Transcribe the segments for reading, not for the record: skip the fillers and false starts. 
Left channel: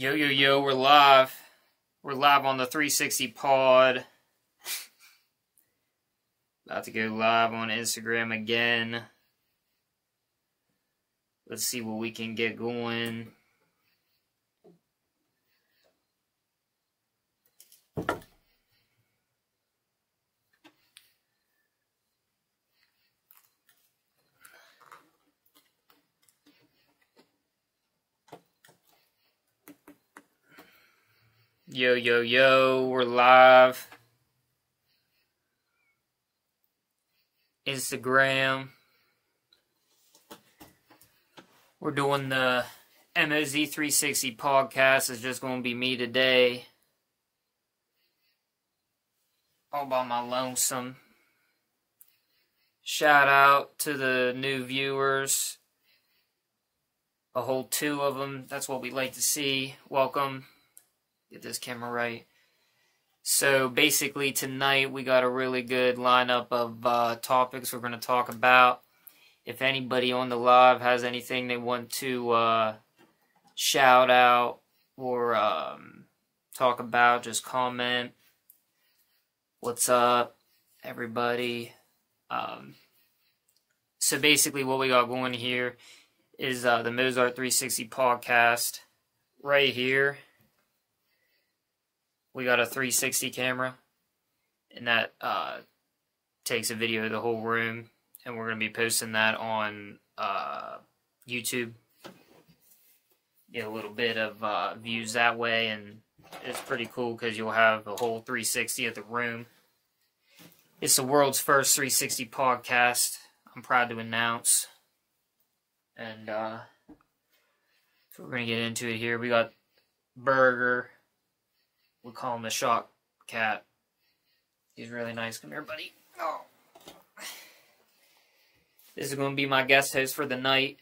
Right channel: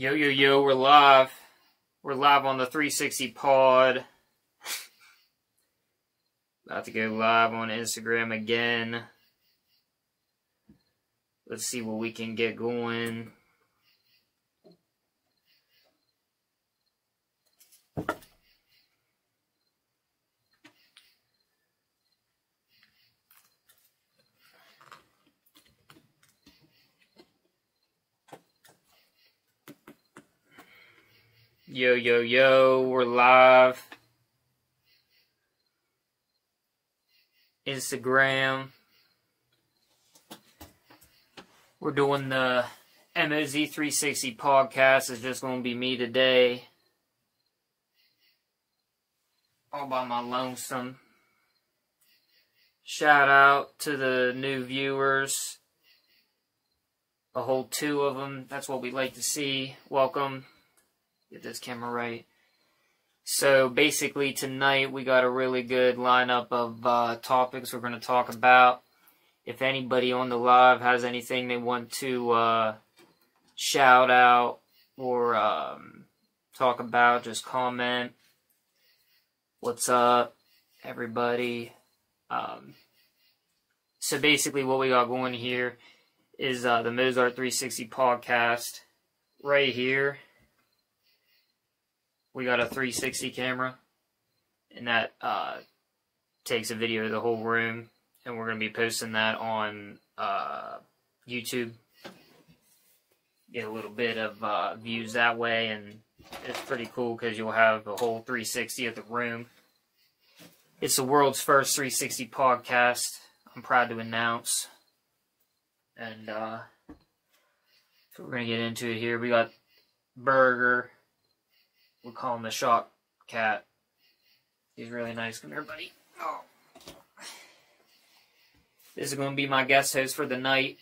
Yo, yo, yo, we're live. We're live on the 360 pod. About to go live on Instagram again. Let's see what we can get going. Yo, yo, yo, we're live. Instagram. We're doing the Moz360 podcast. It's just going to be me today. All by my lonesome. Shout out to the new viewers. A whole 2 of them. That's what we like to see. Welcome. Get this camera right. So basically tonight we got a really good lineup of topics we're going to talk about. If anybody on the live has anything they want to shout out or talk about, just comment. What's up, everybody? So basically what we got going here is the Moz360 podcast right here. We got a 360 camera, and that takes a video of the whole room, and we're going to be posting that on YouTube. Get a little bit of views that way, and it's pretty cool because you'll have the whole 360 of the room. It's the world's first 360 podcast, I'm proud to announce. And so we're going to get into it here. We got Burger. We'll call him the Shock Cat. He's really nice. Come here, buddy. Oh. This is going to be my guest host for the night.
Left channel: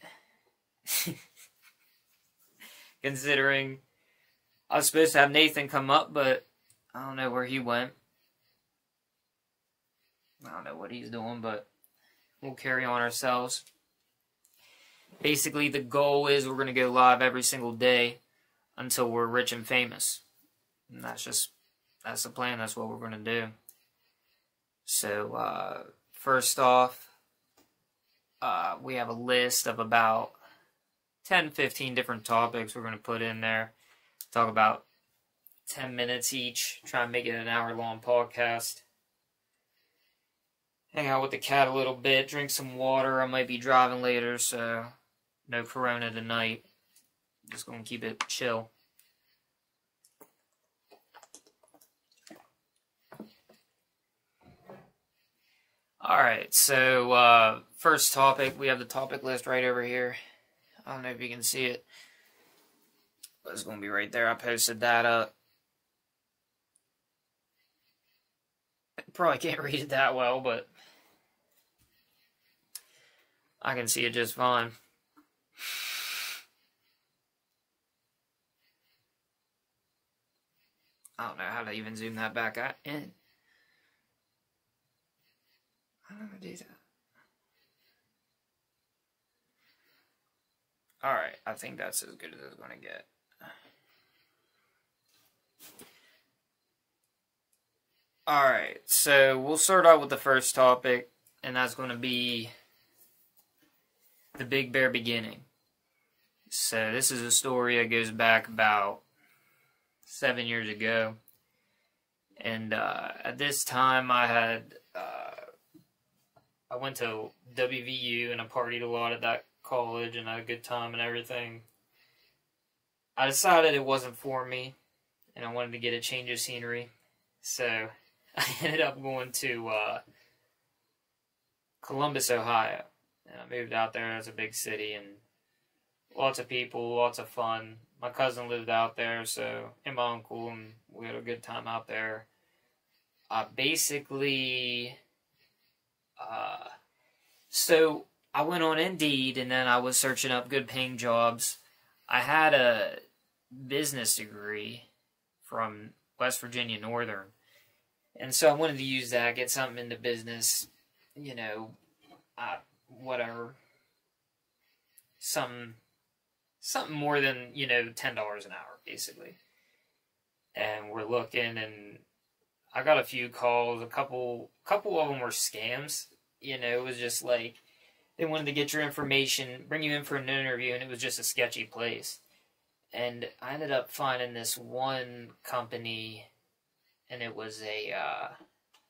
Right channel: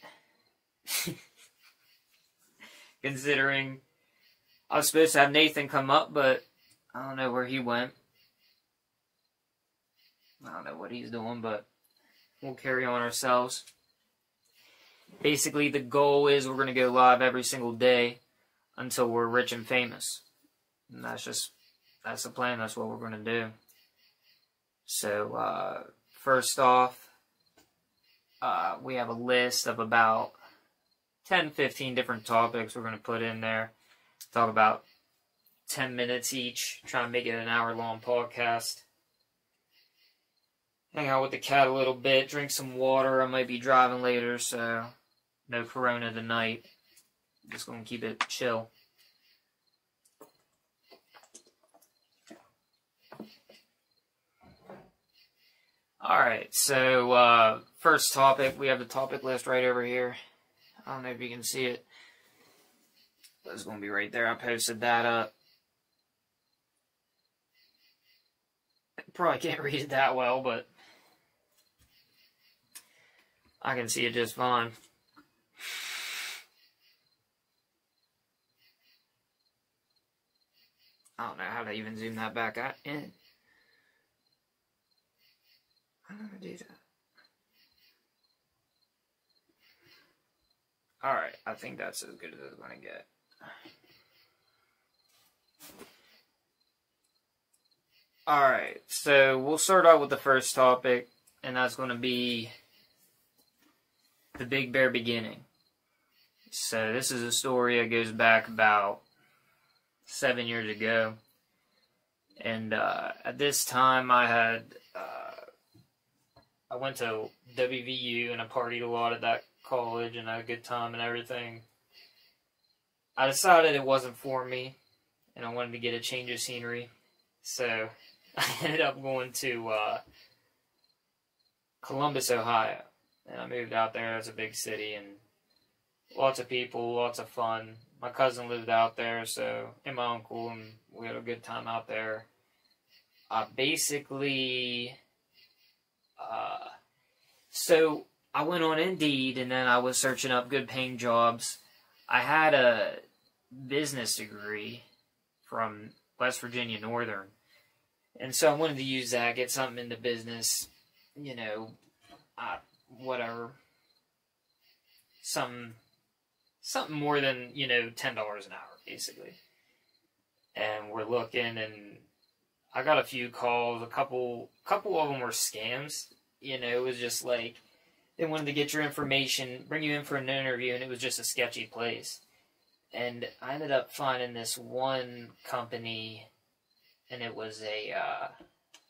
Considering I was supposed to have Nathan come up, but I don't know where he went. I don't know what he's doing, but we'll carry on ourselves. Basically, the goal is we're going to go live every single day until we're rich and famous. And that's the plan. That's what we're going to do. So, first off, we have a list of about 10, 15 different topics we're going to put in there. Talk about 10 minutes each. Try and make it an hour-long podcast. Hang out with the cat a little bit. Drink some water. I might be driving later, so no Corona tonight. Just going to keep it chill. Alright, so first topic, we have the topic list right over here. I don't know if you can see it. But it's going to be right there. I posted that up. Probably can't read it that well, but I can see it just fine. I don't know how to even zoom that back in. I don't know how to do that. Alright, I think that's as good as it's going to get. Alright, so we'll start out with the first topic, and that's going to be the Big Bear beginning. So this is a story that goes back about 7 years ago. And at this time I went to WVU and I partied a lot at that college and had a good time and everything. I decided it wasn't for me and I wanted to get a change of scenery. So I ended up going to Columbus, Ohio. And I moved out there. It's a big city and lots of people, lots of fun. My cousin lived out there, so, and my uncle, and we had a good time out there. So I went on Indeed, and then I was searching up good-paying jobs. I had a business degree from West Virginia Northern, and so I wanted to use that, get something into business, you know, whatever, something something more than, you know, $10 an hour, basically. And we're looking, and I got a few calls. A couple of them were scams. You know, it was just like, they wanted to get your information, bring you in for an interview, and it was just a sketchy place. And I ended up finding this one company, and it was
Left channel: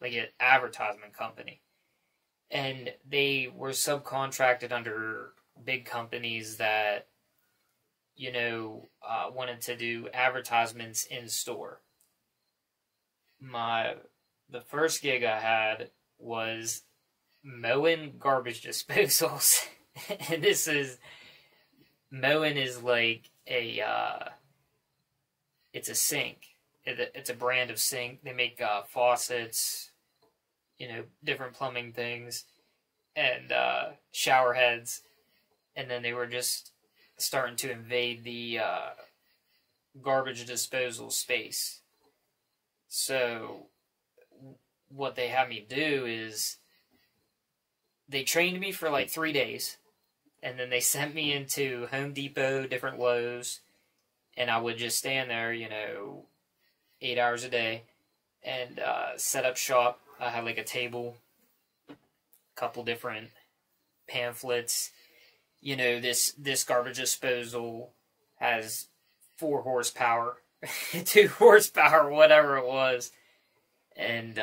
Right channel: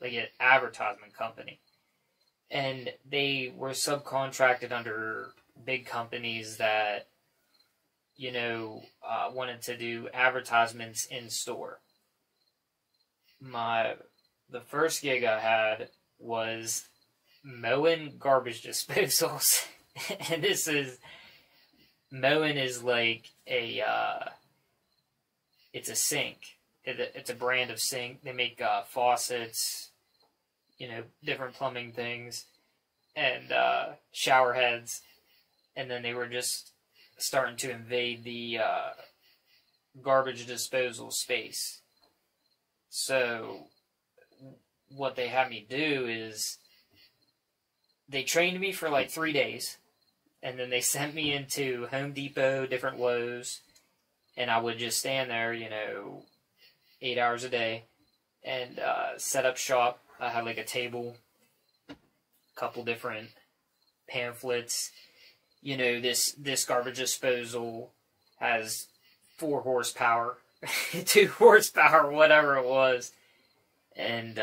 like an advertisement company. And they were subcontracted under big companies that, you know, wanted to do advertisements in store. The first gig I had was mowing garbage disposals. And mowing is like it's a sink. It's a brand of sink. They make faucets, you know, different plumbing things, and shower heads. And then they were just starting to invade the garbage disposal space. So what they had me do is they trained me for like 3 days, and then they sent me into Home Depot, different Lowe's, and I would just stand there, you know, 8 hours a day and set up shop. I had like a table, a couple different pamphlets. You know, this garbage disposal has 4 horsepower, 2 horsepower, whatever it was. And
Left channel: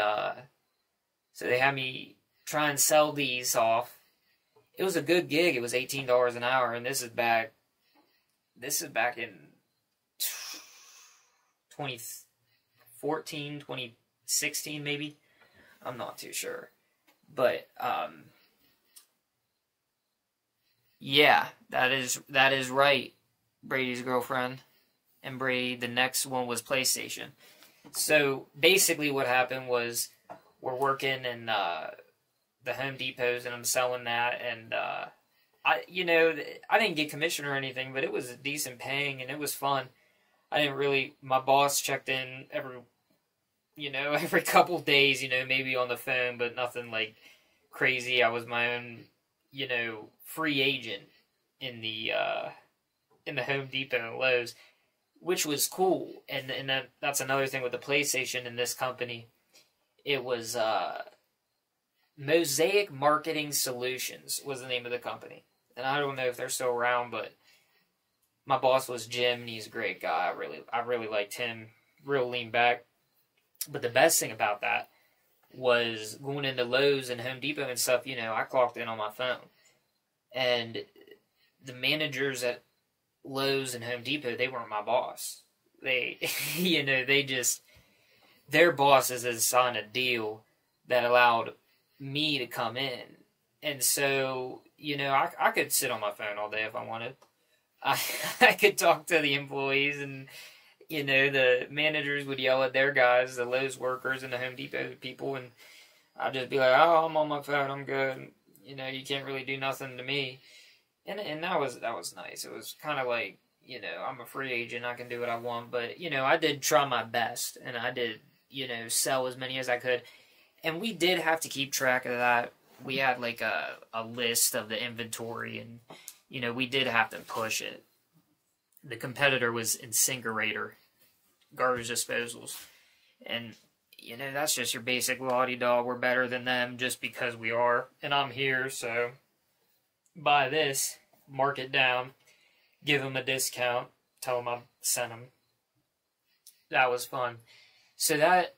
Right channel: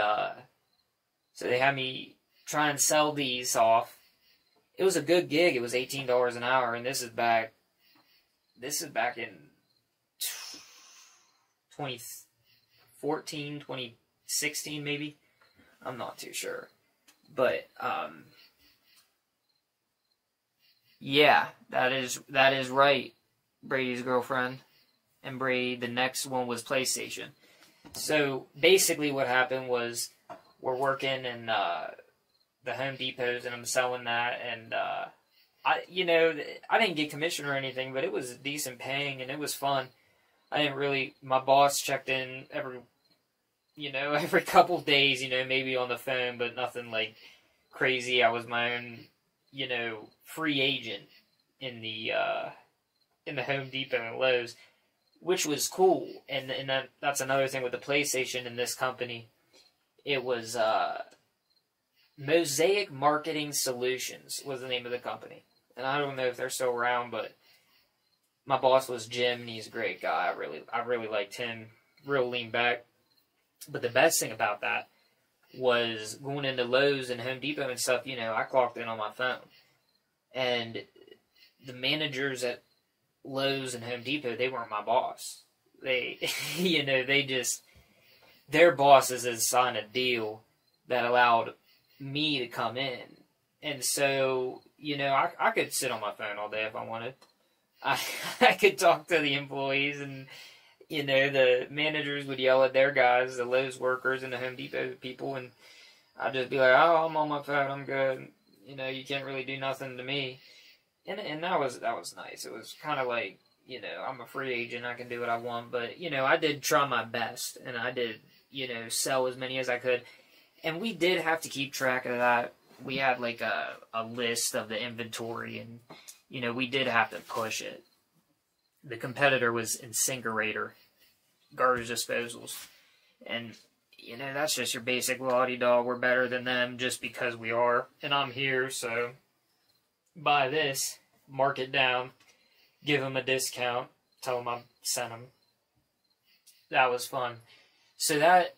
so they had me try and sell these off. It was a good gig. It was $18 an hour, and this is back in 2014, 2016 maybe. I'm not too sure. But yeah, that is right, Brady's girlfriend. And Brady, the next one was PlayStation. So basically what happened was we're working in the Home Depots, and I'm selling that, and I didn't get commission or anything, but it was decent paying, and it was fun. My boss checked in every couple days, you know, maybe on the phone, but nothing like crazy. I was my own, you know, free agent in the Home Depot and Lowe's, which was cool. And that's another thing with the PlayStation in this company. It was Mosaic Marketing Solutions was the name of the company. And I don't know if they're still around, but my boss was Jim, and he's a great guy. I really liked him. Real lean back. But the best thing about that was going into Lowe's and Home Depot and stuff, you know, I clocked in on my phone. And the managers at Lowe's and Home Depot, they weren't my boss. They, you know, their bosses had signed a deal that allowed me to come in. And so, you know, I could sit on my phone all day if I wanted. I could talk to the employees, and, you know, the managers would yell at their guys, the Lowe's workers and the Home Depot people, and I'd just be like, oh, I'm on my phone, I'm good. You know, you can't really do nothing to me. And that was nice. It was kind of like, you know, I'm a free agent, I can do what I want, but, you know, I did try my best, and I did, you know, sell as many as I could. And we did have to keep track of that. We had like a list of the inventory, and, you know, we did have to push it. The competitor was Incinerator, garbage disposals. And, you know, that's just your basic lottie dog. We're better than them just because we are. And I'm here, so buy this, mark it down, give them a discount, tell them I sent them. That was fun. So that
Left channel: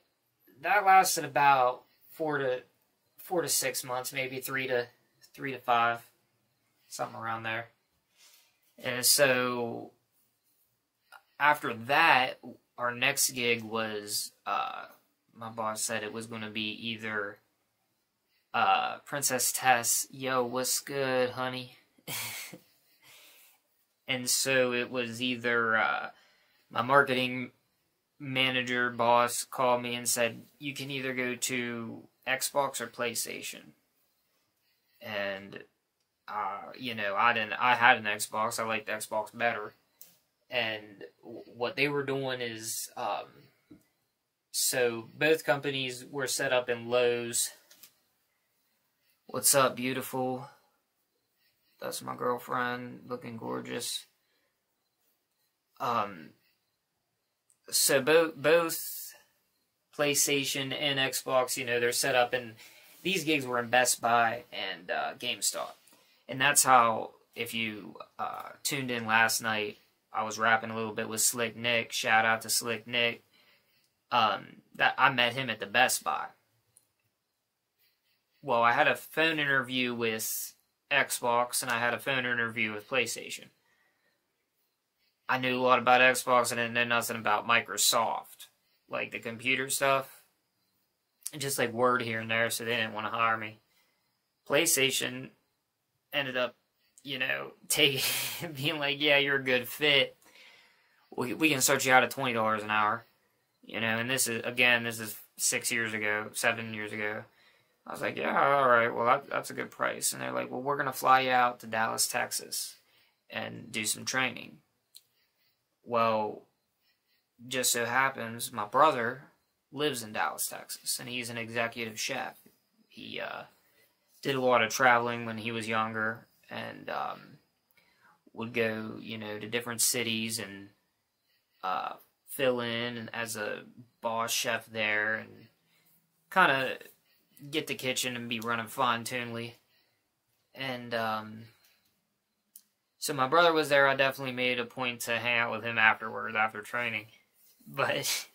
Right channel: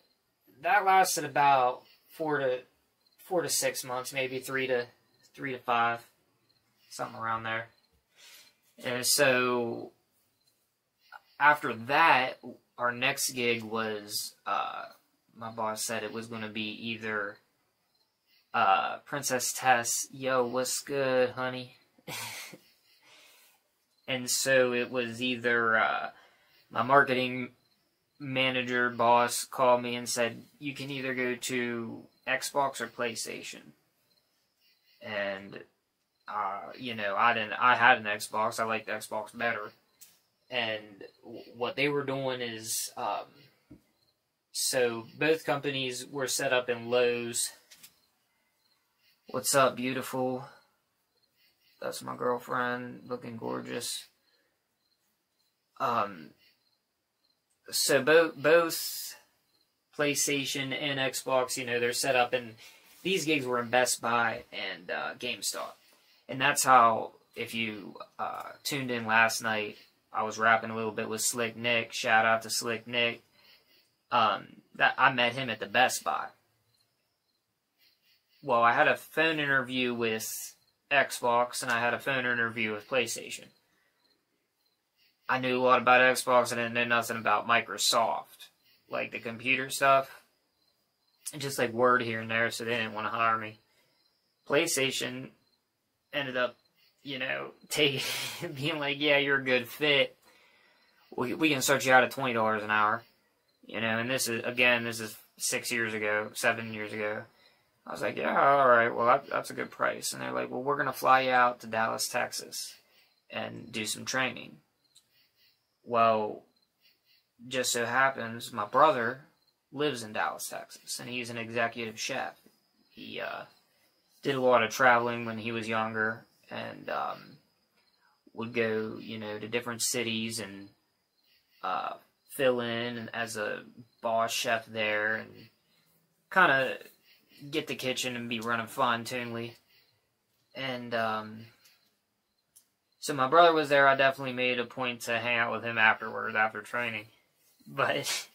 lasted about 4 to 6 months, maybe 3 to 5, something around there. And so after that, our next gig was, my boss said it was going to be either Princess Tess, yo, what's good, honey? And so it was either my marketing manager boss called me and said, you can either go to Xbox or PlayStation. And you know, I had an Xbox. I liked Xbox better. And what they were doing is, so both companies were set up in Lowe's. What's up, beautiful? That's my girlfriend, looking gorgeous. So both PlayStation and Xbox, you know, they're set up, and these gigs were in Best Buy and GameStop. And that's how, if you tuned in last night, I was rapping a little bit with Slick Nick. Shout out to Slick Nick. That I met him at the Best Buy. Well, I had a phone interview with Xbox, and I had a phone interview with PlayStation. I knew a lot about Xbox, and I didn't know nothing about Microsoft. Like, the computer stuff. And just, like, word here and there, so they didn't want to hire me. PlayStation ended up, you know, being like, yeah, you're a good fit. We can start you out at $20 an hour. You know, and this is 6 years ago, 7 years ago. I was like, yeah, all right, well, that's a good price. And they're like, well, we're going to fly you out to Dallas, Texas, and do some training. Well, just so happens, my brother lives in Dallas, Texas, and he's an executive chef. He did a lot of traveling when he was younger, and would go, you know, to different cities and fill in as a boss chef there, and kind of get the kitchen and be running fine-tunedly. And so my brother was there. I definitely made a point to hang out with him afterwards, after training. But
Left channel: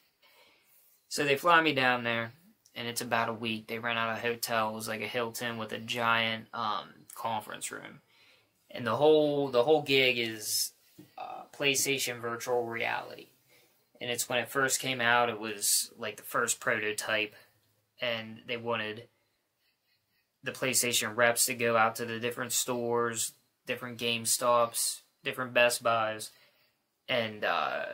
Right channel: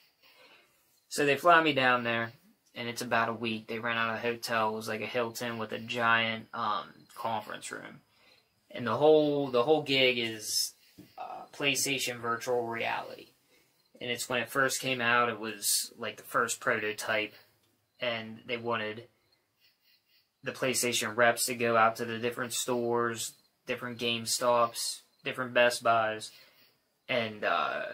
so they fly me down there, and it's about a week. They rent out a hotel. It was like a Hilton with a giant conference room, and the whole gig is PlayStation virtual reality. And it's when it first came out. It was like the first prototype, and they wanted the PlayStation reps to go out to the different stores, different GameStops, different Best Buys, and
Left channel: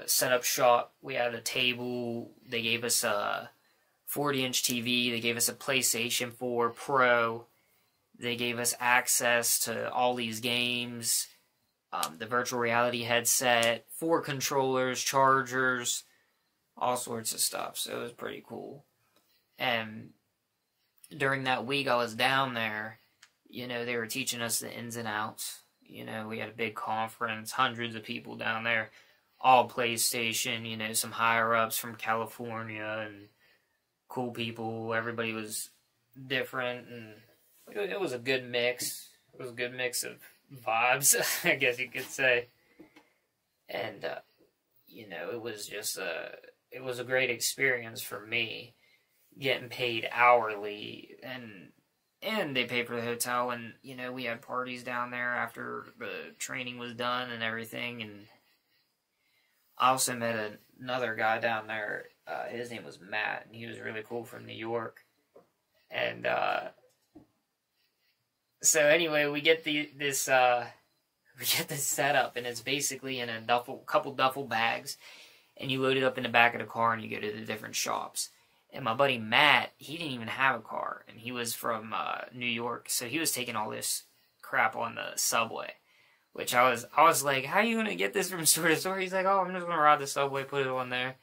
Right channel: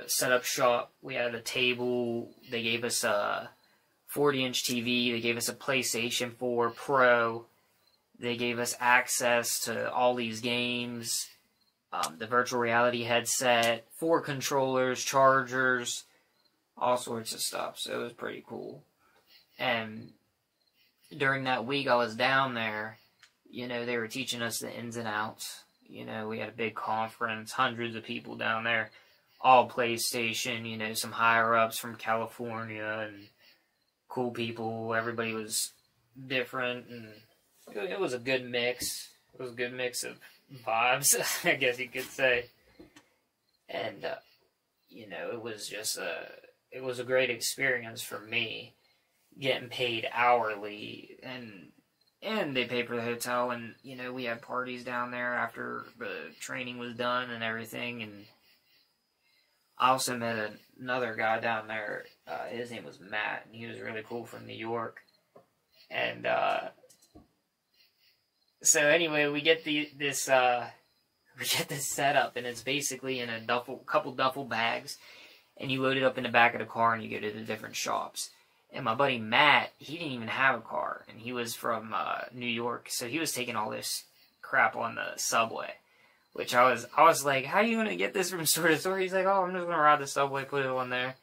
set up shop. We had a table. They gave us a 40-inch TV. They gave us a PlayStation 4 Pro. They gave us access to all these games, the virtual reality headset, 4 controllers, chargers, all sorts of stuff. So it was pretty cool. And during that week I was down there, you know, they were teaching us the ins and outs. You know, we had a big conference, hundreds of people down there, all PlayStation, you know, some higher-ups from California and cool people. Everybody was different, and it was a good mix. It was a good mix of vibes, I guess you could say. And, you know, it was just it was a great experience for me, getting paid hourly, and they paid for the hotel, and, you know, we had parties down there after the training was done and everything. And I also met another guy down there. His name was Matt, and he was really cool, from New York. And so anyway, we get this setup, and it's basically in a couple duffel bags, and you load it up in the back of the car, and you go to the different shops. And my buddy Matt, he didn't even have a car, and he was from New York, so he was taking all this crap on the subway, which I was like, how are you gonna get this from store to store? He's like, oh, I'm just gonna ride the subway, put it on there.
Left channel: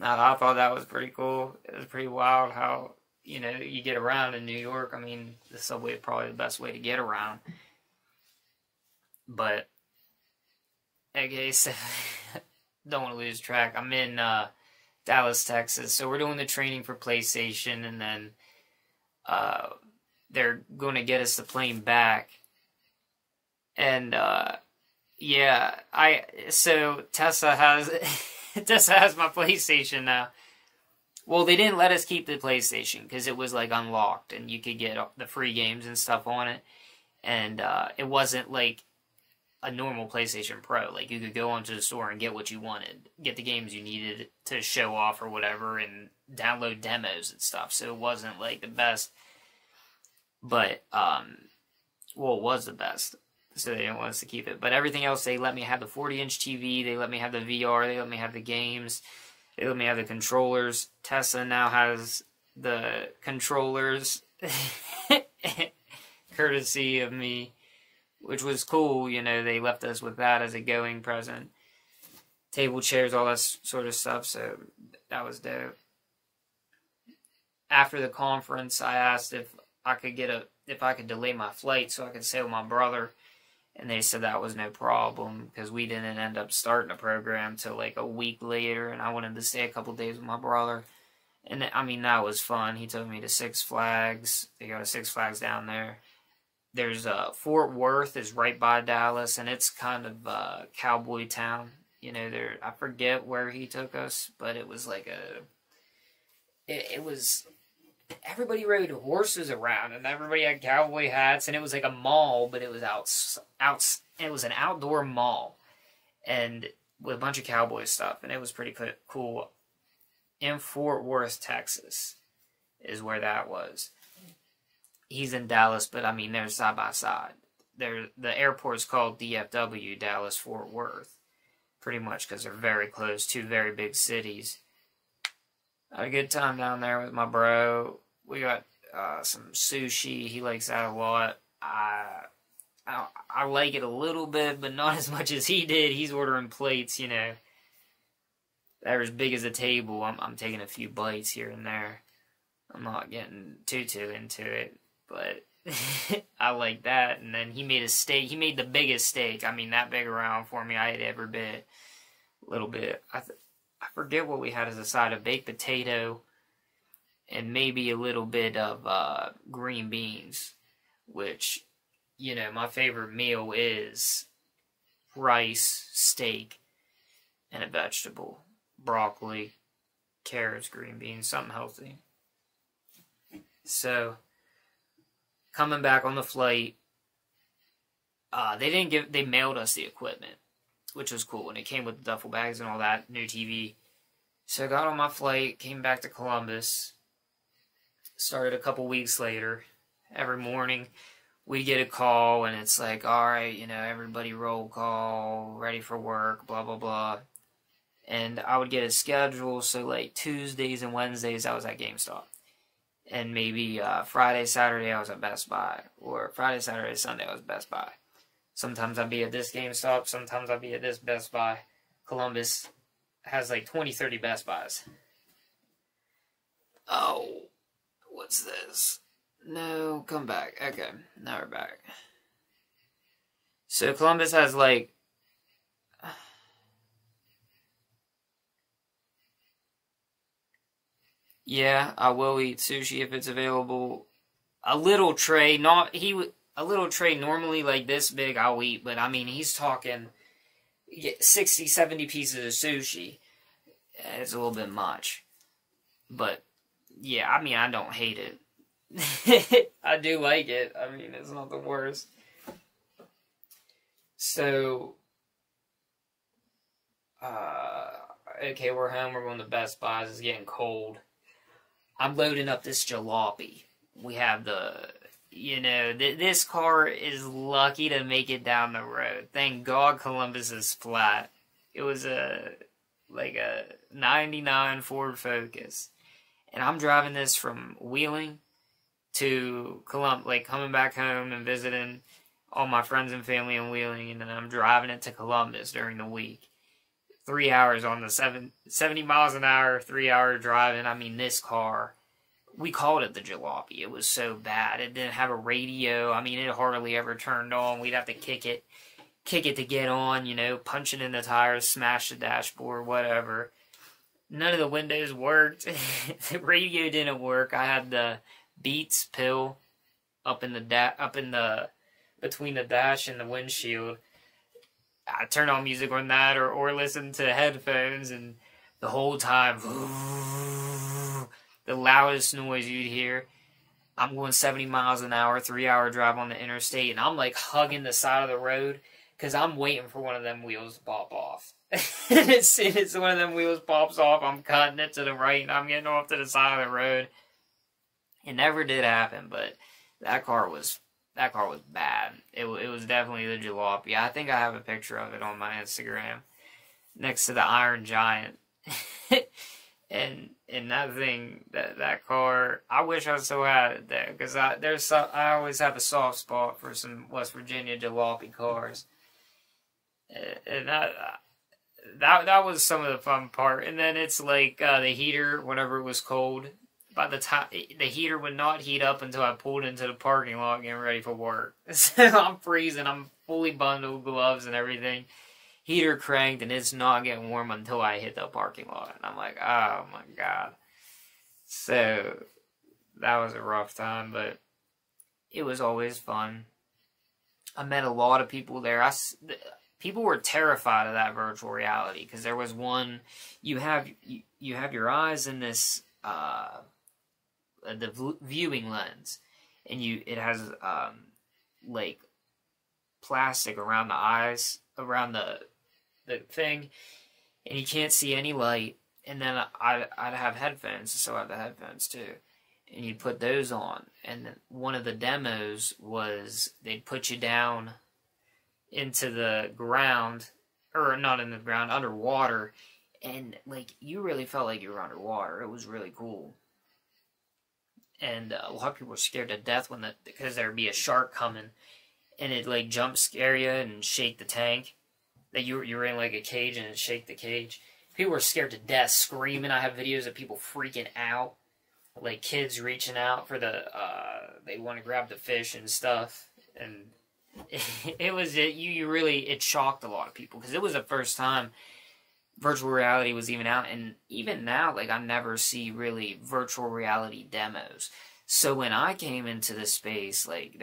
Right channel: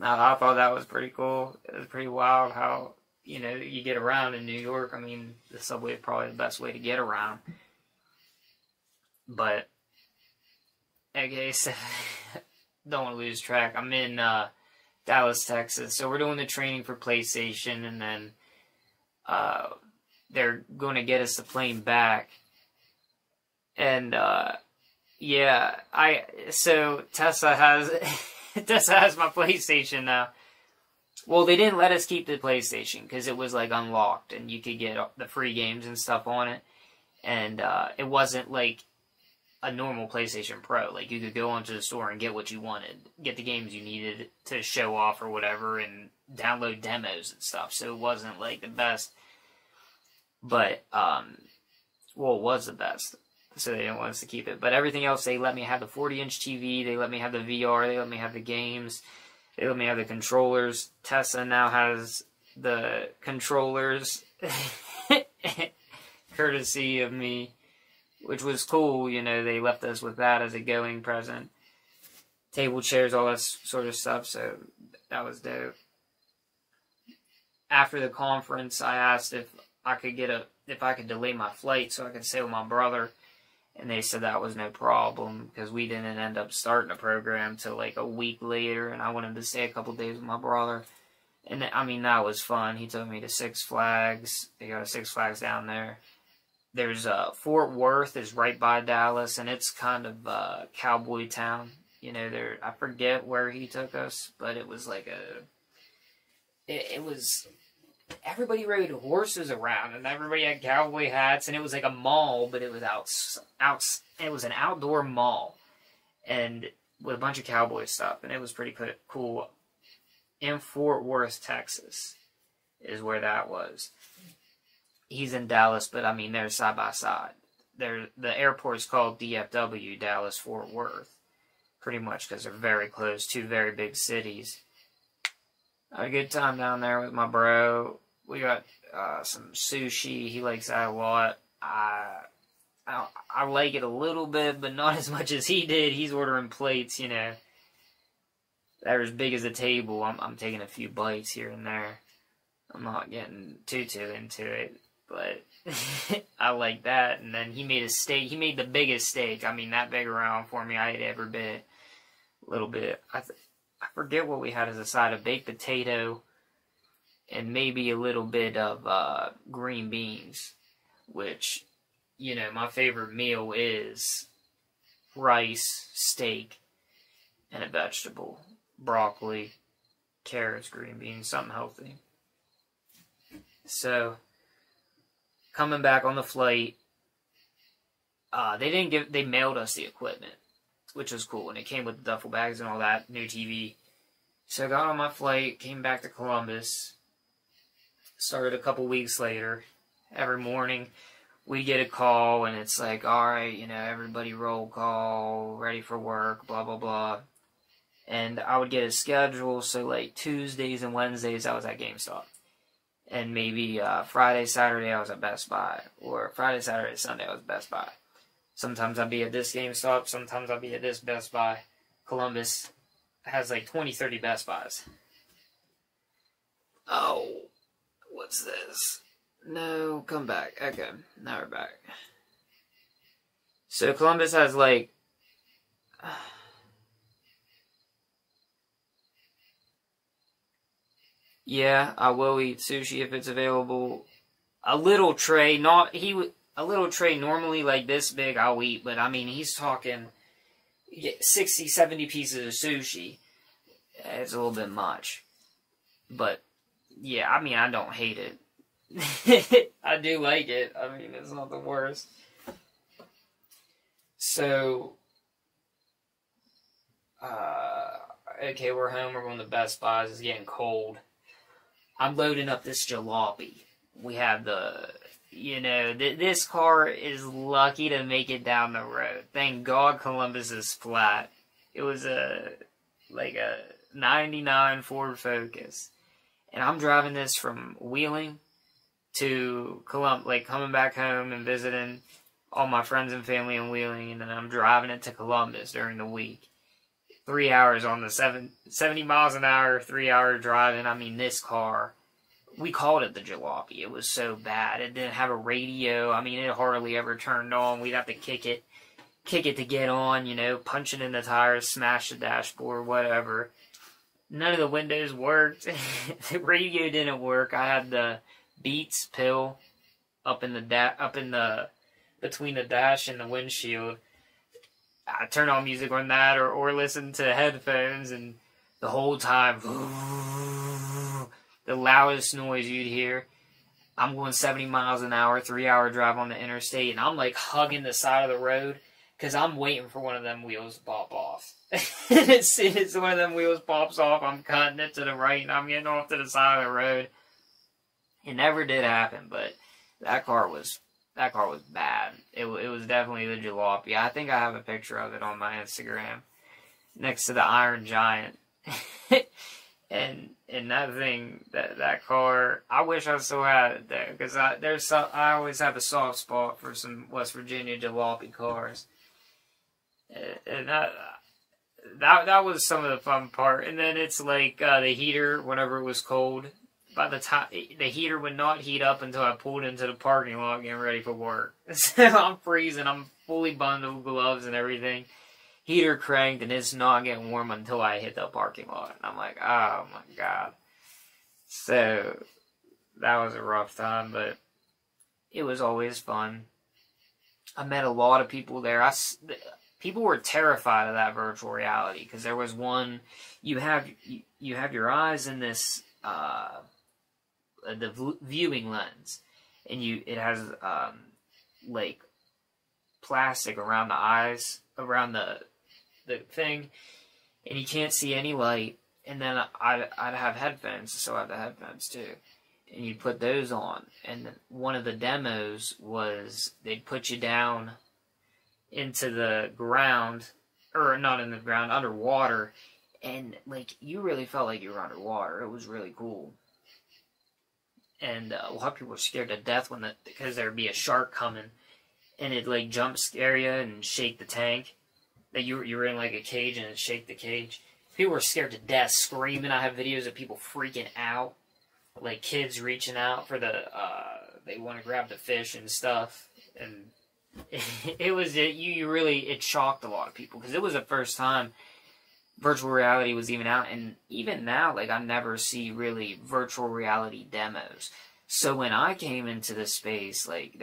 I thought that was pretty cool. It was pretty wild how, you know, you get around in New York. I mean, the subway is probably the best way to get around. But, okay, so don't want to lose track. I'm in Dallas, Texas. So we're doing the training for PlayStation, and then they're going to get us the plane back. And yeah, so Tessa has my PlayStation now. Well, they didn't let us keep the PlayStation because it was like unlocked, and you could get the free games and stuff on it. And it wasn't like a normal PlayStation Pro. Like, you could go onto the store and get what you wanted, get the games you needed to show off or whatever, and download demos and stuff. So it wasn't like the best, but well, it was the best. So they didn't want us to keep it. But everything else, they let me have the 40-inch TV, they let me have the VR, they let me have the games, they let me have the controllers. Tessa now has the controllers, courtesy of me, which was cool. You know, they left us with that as a going present. Table, chairs, all that sort of stuff, so that was dope. After the conference, I asked if I could delay my flight so I could stay with my brother. And they said that was no problem because we didn't end up starting a program till like a week later, and I wanted to stay a couple days with my brother. And I mean, that was fun. He took me to Six Flags. They got a Six Flags down there. There's Fort Worth is right by Dallas, and it's kind of cowboy town. You know, there, I forget where he took us, but it was like it was, everybody rode horses around, and everybody had cowboy hats, and it was like a mall, but it was it was an outdoor mall, and with a bunch of cowboy stuff, and it was pretty cool. In Fort Worth, Texas, is where that was. He's in Dallas, but I mean, they're side by side. The airport's called DFW, Dallas Fort Worth, pretty much because they're very close, two very big cities. I had a good time down there with my bro. We got some sushi. He likes that a lot. I like it a little bit, but not as much as he did. He's ordering plates, you know. They're as big as a table. I'm taking a few bites here and there. I'm not getting too into it, but I like that. And then he made a steak. He made the biggest steak. I mean, that big around for me. I ate every bit. A little bit. I forget what we had as a side of baked potato and maybe a little bit of green beans, which, you know, my favorite meal is rice, steak, and a vegetable. Broccoli, carrots, green beans, something healthy. So, coming back on the flight, they mailed us the equipment, which was cool, and it came with the duffel bags and all that, new TV. So I got on my flight, came back to Columbus, started a couple weeks later. Every morning, we get a call, and it's like, alright, you know, everybody roll call, ready for work, blah, blah, blah. And I would get a schedule, so like Tuesdays and Wednesdays I was at GameStop. And maybe Friday, Saturday I was at Best Buy. Or Friday, Saturday, Sunday I was at Best Buy. Sometimes I'd be at this GameStop, sometimes I'd be at this Best Buy. Columbus has like 20, 30 Best Buys. Oh, what's this? No, come back. Okay, now we're back. So Columbus has like... Yeah, I will eat sushi if it's available. A little tray, a little tray normally like this big I'll eat, but I mean, he's talking 60, 70 pieces of sushi. It's a little bit much. But, yeah, I mean, I don't hate it. I do like it. I mean, it's not the worst. So, okay, we're home. We're going to Best Buy. It's getting cold. I'm loading up this jalopy. We have the, you know, this car is lucky to make it down the road. Thank God Columbus is flat. It was like a 99 Ford Focus. And I'm driving this from Wheeling to Columbus, like coming back home and visiting all my friends and family in Wheeling. And then I'm driving it to Columbus during the week. 3 hours on the 70 miles an hour, 3 hour driving. I mean, this car, we called it the jalopy. It was so bad. It didn't have a radio. I mean, it hardly ever turned on. We'd have to kick it to get on, you know, punch it in the tires, smash the dashboard, whatever. None of the windows worked. The radio didn't work. I had the Beats pill up in the between the dash and the windshield. I turn on music on that or listen to headphones, and the whole time, the loudest noise you'd hear. I'm going 70 miles an hour, 3 hour drive on the interstate, and I'm like hugging the side of the road because I'm waiting for one of them wheels to pop off. As soon as one of them wheels pops off, I'm cutting it to the right, and I'm getting off to the side of the road. It never did happen, but that car was bad. It was definitely the jalopy. I think I have a picture of it on my Instagram next to the Iron Giant. and that thing, that car, I wish I still had it there, because I always have a soft spot for some West Virginia jalopy cars. And that was some of the fun part. And then it's like the heater, whenever it was cold, by the time, the heater would not heat up until I pulled into the parking lot getting ready for work. So I'm freezing. I'm fully bundled, gloves and everything. Heater cranked, and it's not getting warm until I hit the parking lot. And I'm like, oh my god. So, that was a rough time, but it was always fun. I met a lot of people there. People were terrified of that virtual reality, because there was one, you have your eyes in this, the viewing lens, and it has, like, plastic around the eyes, around the thing, and you can't see any light. And then I'd have headphones, so I have the headphones too, and you'd put those on. And one of the demos was they'd put you down into the ground, or not in the ground, underwater, and like you really felt like you were underwater. It was really cool. And a lot of people were scared to death because there'd be a shark coming, and it'd like jump scare you and shake the tank. That you were in like a cage, and it'd shake the cage. People were scared to death, screaming. I have videos of people freaking out, like kids reaching out for they want to grab the fish and stuff. And it shocked a lot of people, because it was the first time virtual reality was even out. And even now, like, I never see really virtual reality demos. So when I came into this space, like,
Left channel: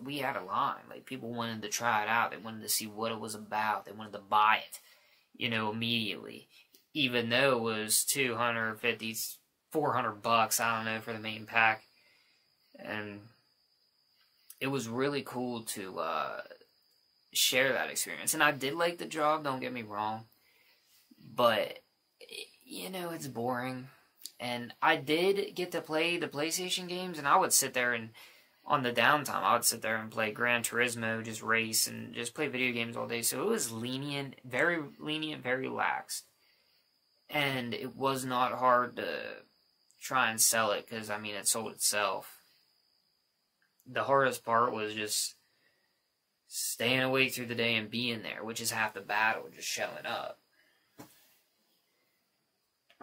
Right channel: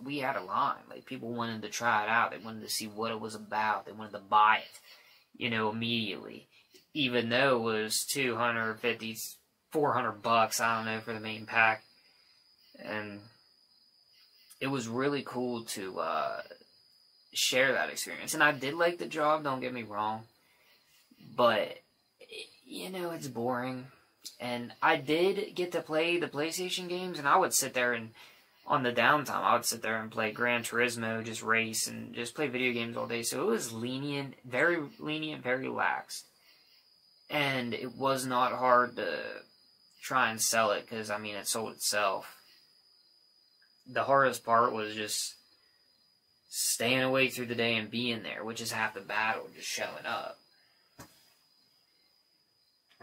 we had a line. Like, people wanted to try it out. They wanted to see what it was about. They wanted to buy it, immediately. Even though it was $250, $400, I don't know, for the main pack. And it was really cool to share that experience. And I did like the job, don't get me wrong. But, it's boring. And I did get to play the PlayStation games, and I would sit there and, on the downtime, I would sit there and play Gran Turismo, just race, and just play video games all day. So it was very lenient, very lax. And it was not hard to try and sell it, because, it sold itself. The hardest part was just staying awake through the day and being there, which is half the battle, just showing up.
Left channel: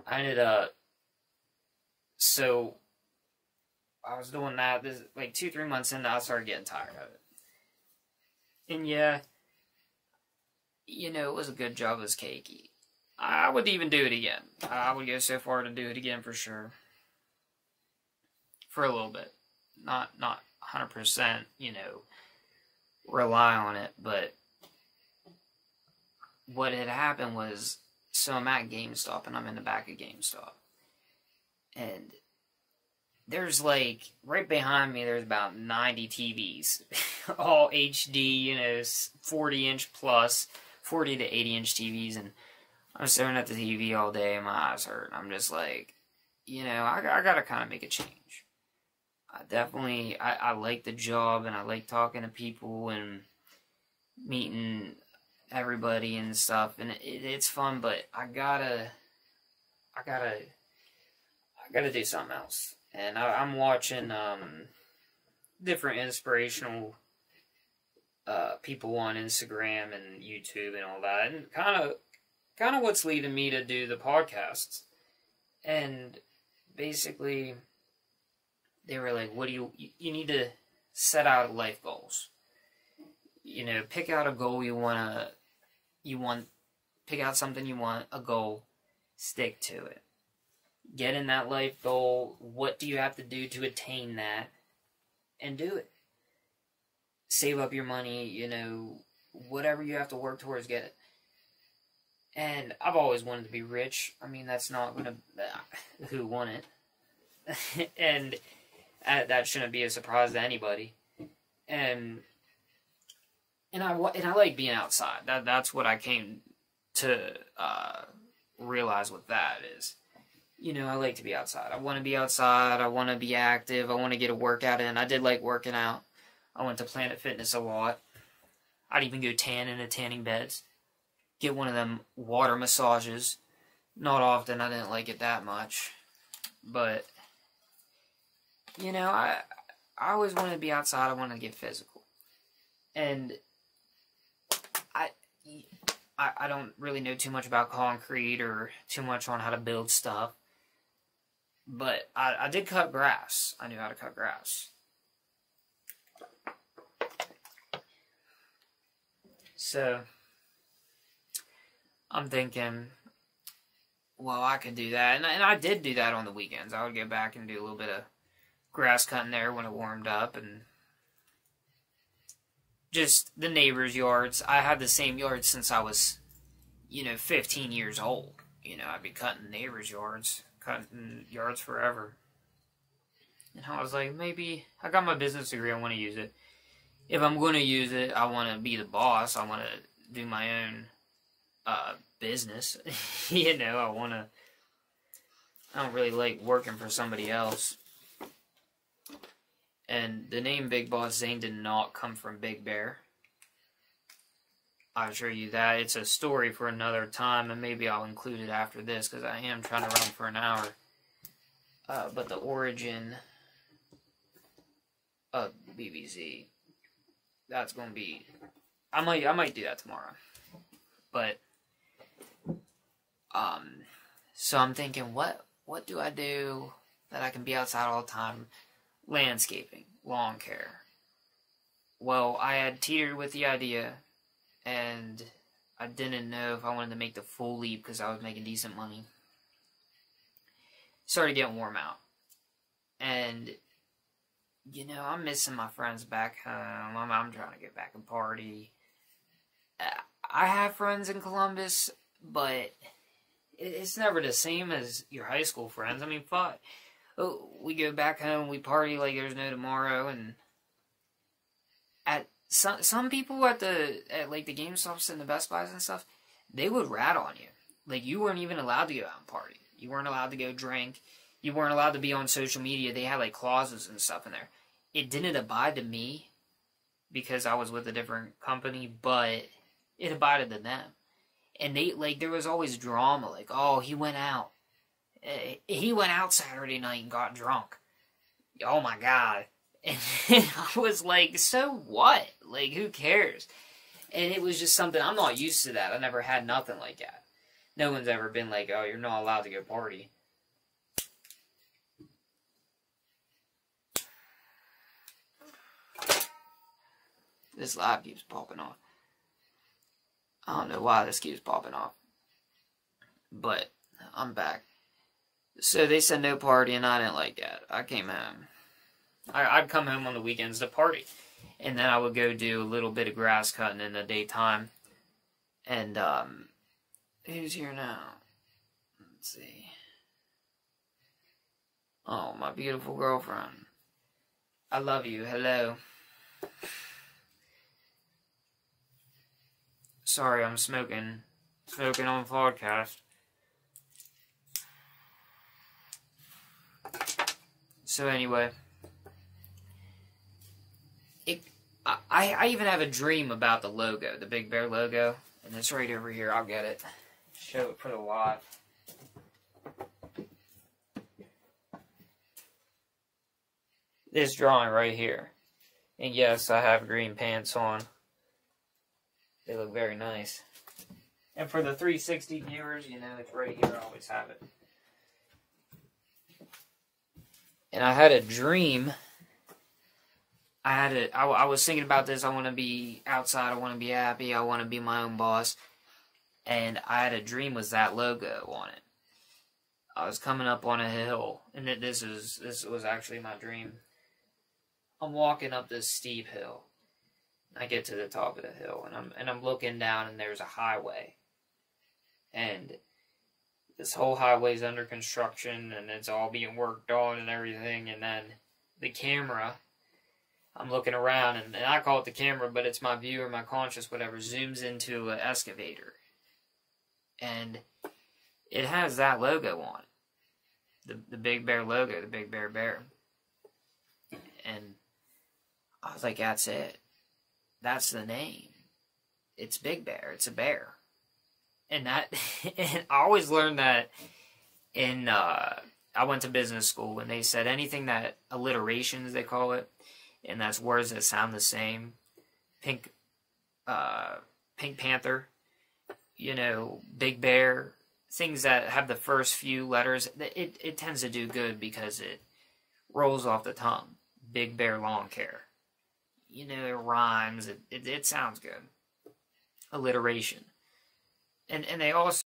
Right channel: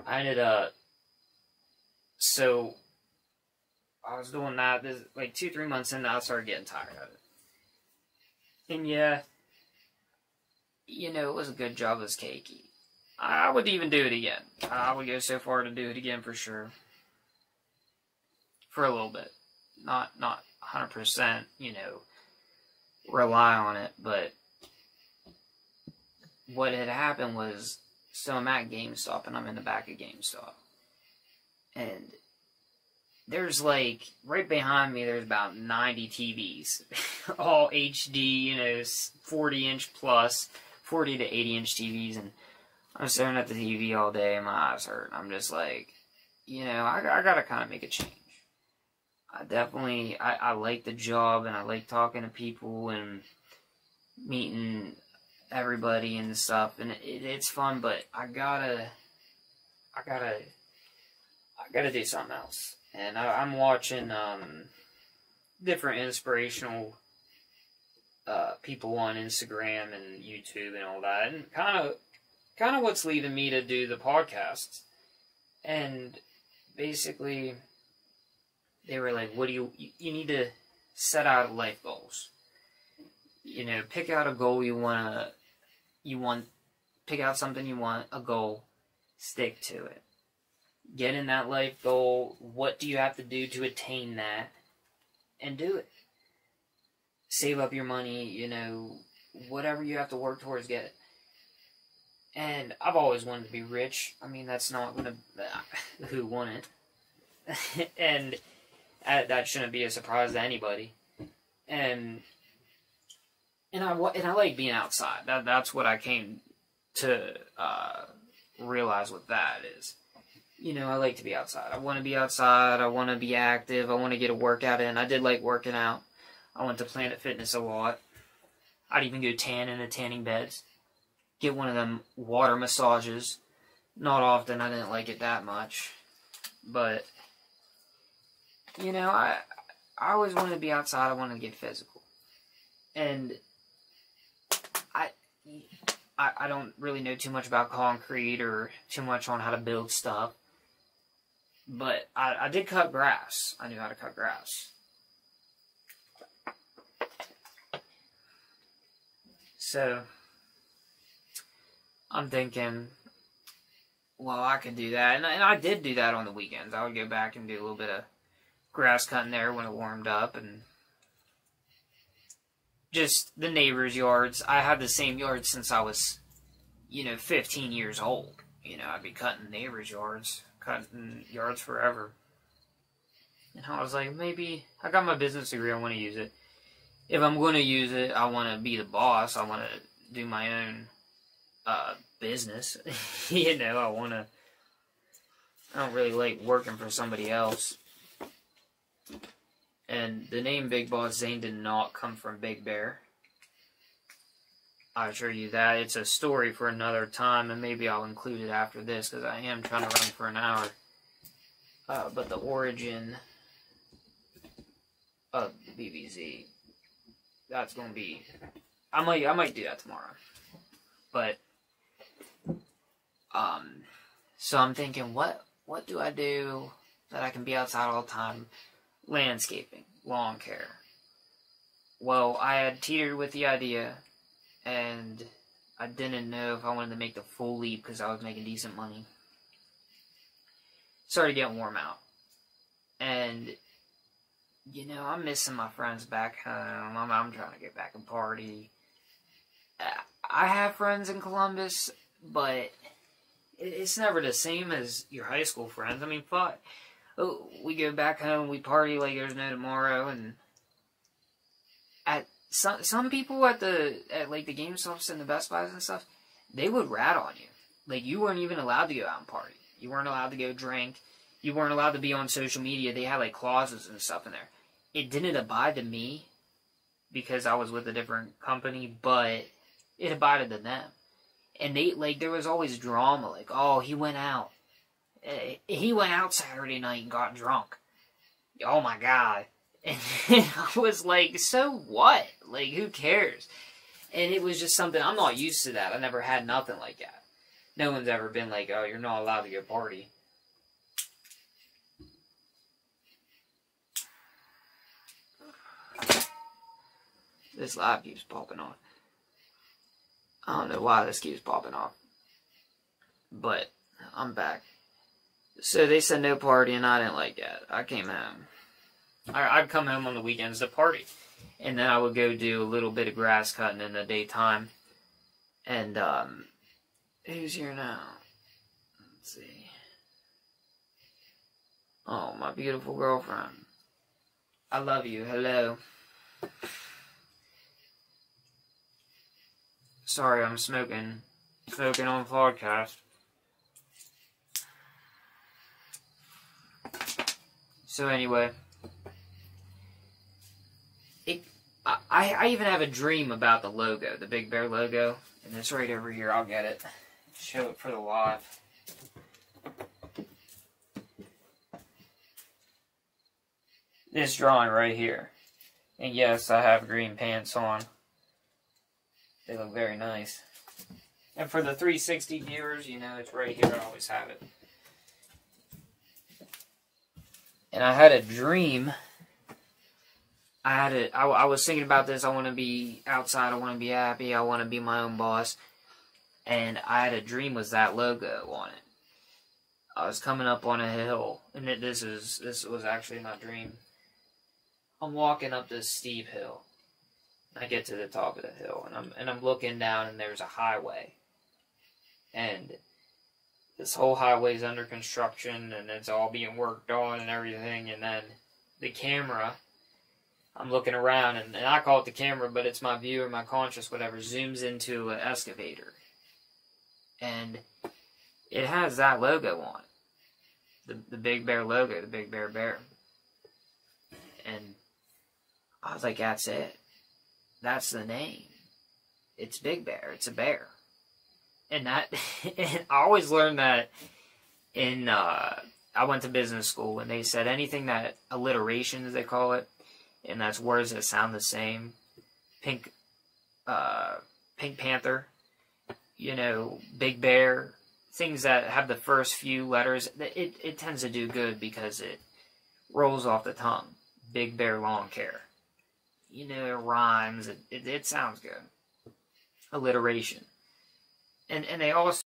I ended up, so I was doing that, like 2-3 months in, I started getting tired of it. And yeah, it was a good job, it was cakey. I would even do it again. I would go so far to do it again for sure. For a little bit. Not 100%, rely on it, but what had happened was, so I'm at GameStop, and I'm in the back of GameStop. And there's like, right behind me, there's about 90 TVs. All HD, 40-inch plus, 40 to 80-inch TVs, and I'm staring at the TV all day, and my eyes hurt. I'm just like, I gotta kind of make a change. I like the job, and I like talking to people, and meeting everybody and stuff, and it's fun, but I gotta do something else. And I'm watching, different inspirational, people on Instagram and YouTube and all that, and kind of what's leading me to do the podcasts. And basically, they were like, what do you need to set out life goals. Pick out a goal pick out something you want, a goal, stick to it. Get in that life goal, what do you have to do to attain that, and do it. Save up your money, whatever you have to work towards, get it. And I've always wanted to be rich. That's not gonna, who wouldn't? And that shouldn't be a surprise to anybody. And I like being outside. That's what I came to realize with that is, I like to be outside. I want to be outside. I want to be active. I want to get a workout in. I did like working out. I went to Planet Fitness a lot. I'd even go tan in the tanning beds. Get one of them water massages. Not often. I didn't like it that much. But, I always wanted to be outside. I wanted to get physical. And I don't really know too much about concrete or too much on how to build stuff. But I did cut grass. I knew how to cut grass. So, I'm thinking, well, I could do that. And I did do that on the weekends. I would go back and do a little bit of grass cutting there when it warmed up. And just the neighbors' yards. I had the same yard since I was, 15 years old. I'd be cutting neighbors' yards. Cutting yards forever. And I was like, maybe, I got my business degree, I want to use it. If I'm going to use it, I want to be the boss. I want to do my own business. I don't really like working for somebody else. And the name Big Boss Zane did not come from Big Bear. I assure you that. It's a story for another time, and maybe I'll include it after this, because I am trying to run for an hour. But the origin of BBZ, that's going to be... I might do that tomorrow. But, so I'm thinking, what do I do that I can be outside all the time? Landscaping, lawn care. Well, I had teetered with the idea, and I didn't know if I wanted to make the full leap because I was making decent money. Started getting warm out. And, I'm missing my friends back home. I'm trying to get back and party. I have friends in Columbus, but it's never the same as your high school friends. I mean, fuck. We go back home, we party like there's no tomorrow, and at some people at the GameStops and the Best Buys and stuff, they would rat on you. Like, you weren't even allowed to go out and party. You weren't allowed to go drink. You weren't allowed to be on social media. They had, clauses and stuff in there. It didn't abide to me because I was with a different company, but it abided to them. And there was always drama, oh, he went out. He went out Saturday night and got drunk. Oh, my God. And I was like, so what? Who cares? And it was just something, I'm not used to that. I never had nothing like that. No one's ever been like, oh, you're not allowed to go party. This live keeps popping off. I don't know why this keeps popping off. But, I'm back. So they said no party, and I didn't like that. I came home. I'd come home on the weekends to party. And then I would go do a little bit of grass cutting in the daytime. And, who's here now? Let's see. Oh, my beautiful girlfriend. I love you. Hello. Sorry, I'm smoking. Smoking on podcast. So anyway, I even have a dream about the logo, the Big Bear logo, and it's right over here. I'll get it. Show it for the live. This drawing right here. And yes, I have green pants on. They look very nice. And for the 360 viewers, it's right here. I always have it. And I had a dream. I was thinking about this. I want to be outside. I want to be happy. I want to be my own boss. And I had a dream with that logo on it. I was coming up on a hill. And this was actually my dream. I'm walking up this steep hill. I get to the top of the hill. And I'm looking down, and there's a highway. And this whole highway's under construction, and it's all being worked on and everything. And then the camera, I'm looking around, and I call it the camera, but it's my view or my conscious, whatever, zooms into an excavator. And it has that logo on it. The Big Bear logo, the Big Bear Bear. And I was like, that's it. That's the name. It's Big Bear. It's a bear. And and I always learned that in, I went to business school, and they said anything that, alliterations they call it, and that's words that sound the same. Pink Panther, Big Bear, things that have the first few letters, it tends to do good because it rolls off the tongue. Big Bear Lawn Care. It rhymes, it sounds good. alliteration. And they also